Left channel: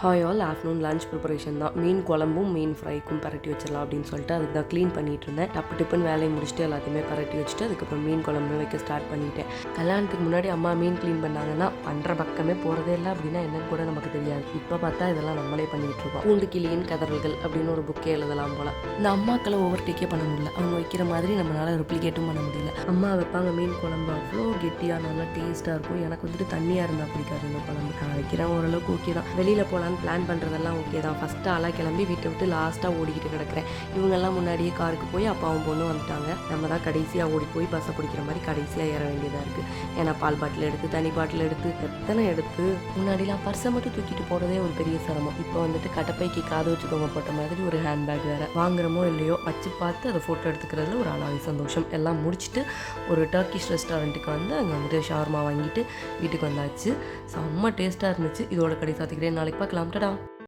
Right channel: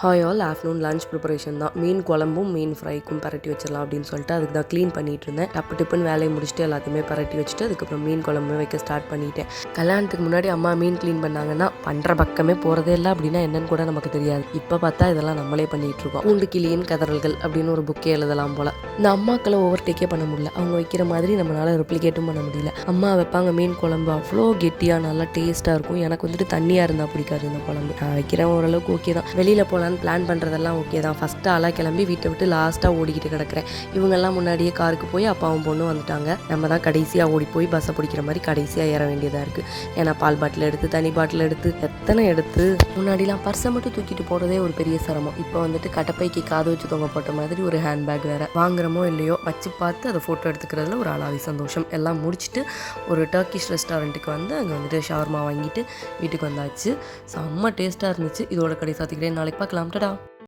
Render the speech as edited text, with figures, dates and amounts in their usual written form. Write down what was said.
Hi all afternoon lunch preparation தான். மீன் குழம்பும் மீன் ஃப்ரைக்கும் பரட்டி வச்சிடலாம் அப்படின்னு சொல்லிட்டு அதுக்கு தான் க்ளீன் பண்ணிட்டு இருந்தேன். டிப்புன்னு வேலையை முடிச்சுட்டு எல்லாத்தையுமே பரட்டி வச்சுட்டு அதுக்கப்புறம் மீன் குழம்பு வைக்க ஸ்டார்ட் பண்ணிட்டேன். கல்யாணத்துக்கு முன்னாடி அம்மா மீன் க்ளீன் பண்ணாங்கன்னா பண்ணுற பக்கமே போகிறதே இல்லை அப்படின்னா என்னன்னு கூட நமக்கு தெரியாது. இப்போ பார்த்தா இதெல்லாம் நம்மளே பண்ணிகிட்டு இருக்கோம். பூண்டு கிளியின் கதறல்கள் அப்படின்னு ஒரு புக்கே எழுதலாம் போல். இந்த அம்மாக்களை ஓவர்டேக்கே பண்ண முடியல. அவங்க வைக்கிற மாதிரி நம்மளால் ரெப்ளிகேட்டும் பண்ண முடியல. அம்மா வைப்பாங்க மீன் குழம்பு அவ்வளோ கெட்டியாக நல்லா டேஸ்ட்டாக இருக்கும். எனக்கு வந்துட்டு தண்ணியாக இருந்தால் பிடிக்காது இந்த குழம்பு. நான் வைக்கிறேன் ஓரளவுக்கு ஓகே தான். வெளியில் போகலாம் பிளான் பண்ணுறதெல்லாம் ஓகே தான். ஃபஸ்ட்டு ஆளாக கிளம்பி வீட்டை விட்டு லாஸ்ட்டாக ஓடிக்கிட்டு கிடக்கிறேன். இவங்கெல்லாம் முன்னாடியே காருக்கு போய் அப்பாவும் பொண்ணும் வந்துட்டாங்க. நம்ம தான் கடைசியாக ஓடி போய் பஸ்ஸை பிடிக்கிற மாதிரி கடைசியாக ஏற வேண்டியதாக இருக்குது. ஏன்னா பால் பாட்டில் எடுத்து தனி பாட்டில் எடுத்து எத்தனை எடுத்து முன்னாடிலாம் பர்ஸை மட்டும் தூக்கிட்டு போகிறதே ஒரு பெரிய சிரமம். இப்போ வந்துட்டு கட்டப்பைக்கு காது வச்சு தொங்க போட்ட மாதிரி ஒரு ஹேண்ட்பேக் வேறு வாங்குறமோ இல்லையோ வச்சு பார்த்து அதை ஃபோட்டோ எடுத்துக்கிறதுல ஒரு அலாதி சந்தோஷம். எல்லாம் முடிச்சுட்டு ஒரு டர்க்கிஷ் ரெஸ்டாரண்ட்டுக்கு வந்து அங்கே வந்துட்டு ஷவர்மா வாங்கிட்டு வீட்டுக்கு வந்தாச்சு. செம்ம டேஸ்ட்டாக இருந்துச்சு. இதோட கடை சாத்திக்கிறேன். நாளைக்கு பார்க்கலாம். டடா.